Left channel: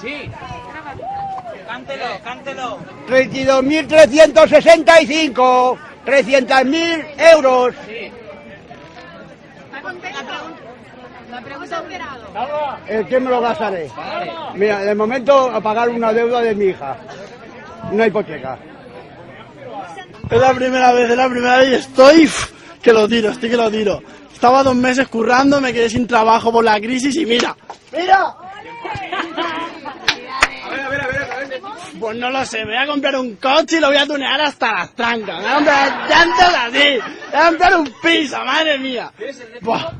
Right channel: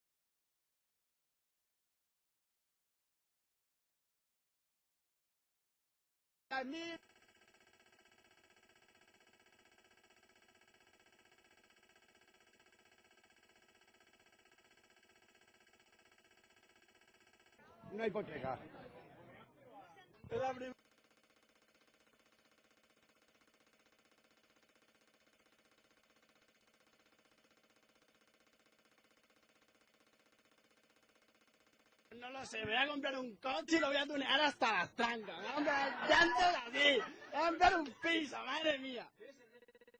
Sí. Cántelo, cántelo. 32.365, 300.000 euros. Sí. La pregunta ¿Qué me lo gastaré? Vale. Mira, de momento a pagar una deuda de mi hija, una hipoteca. Es la primera vez y estoy que lo tiro, Estaba 2 meses currando, me quedé sin trabajo por la crisis y mira. Pues no lo sé, me voy a comprar un coche y lo voy a tunear hasta las trancas. Me voy a comprar llantas así, me voy a comprar un piso, madre mía. Buah.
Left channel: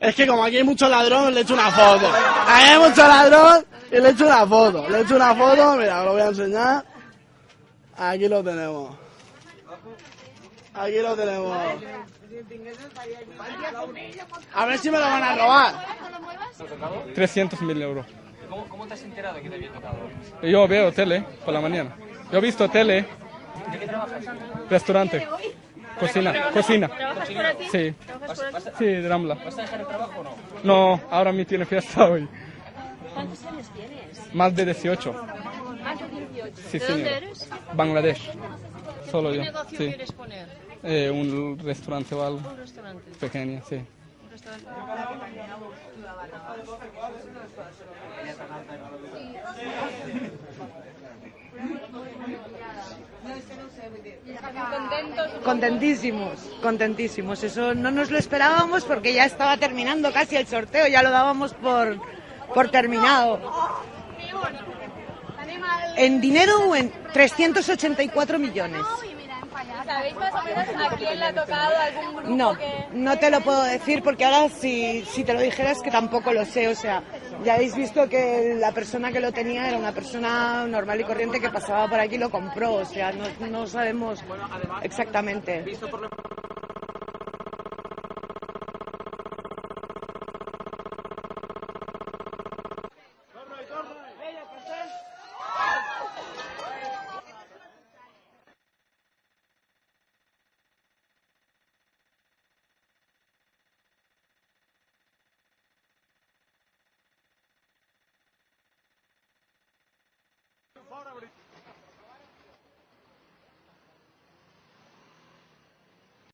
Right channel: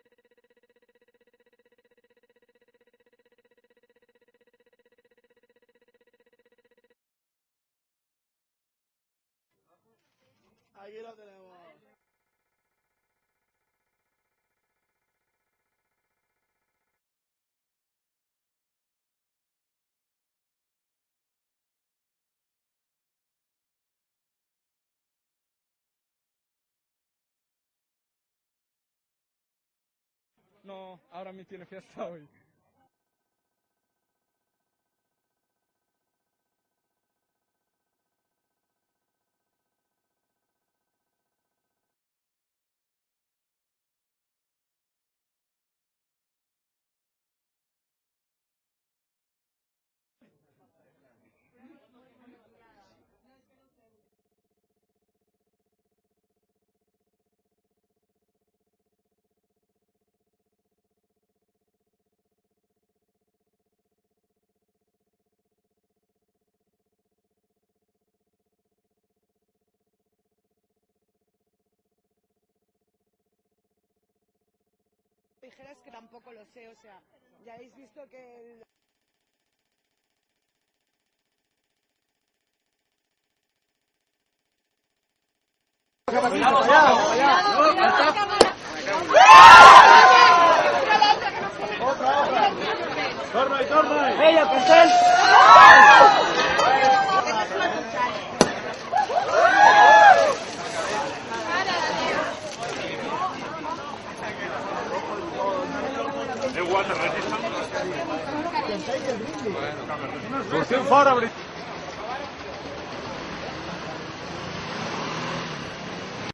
Es que como aquí hay mucho ladrón, le echo una foto. Aquí hay mucho ladrón y le echo una foto. Mira, lo voy a enseñar. Aquí lo tenemos. A ver si me lo van a robar. 300.000 euros. ¿Cómo te has enterado que te había tocado? Yo veo tele por la mañana. Yo he visto tele. ¿De qué trabajas? Restaurante. Cocina. ¿Trabajas por aquí? Sí. Sí, de Rambla. ¿Vas a dejar el trabajo o no? No, ahora mi tiene fiesta hoy. ¿Cuántos años tienes? Más de 18. Más de 18. Sí, ¿De señor. dónde eres? Bangladesh. Solo ¿Qué yo. negocio Sí. quieres poner? Un restaurante o algo. Un restaurante. Pequeño, sí. Un restaurante. Contentísimos. Eso no nos lo esperábamos porque ya estaba terminando casi el sorteo, ya lo dábamos por terminado. En dinero o en 384 millones. ¿Sabéis más o menos a quién le ha tocado algún grupo No, que...? no te lo puedo decir porque ahora si te lo dijeras que tampoco lo sé, o sea, ya habéis visto que la persona que lo tenía era una persona normal y corriente que pasaba por aquí y lo compró, o sea, no sabemos exactamente. Fora,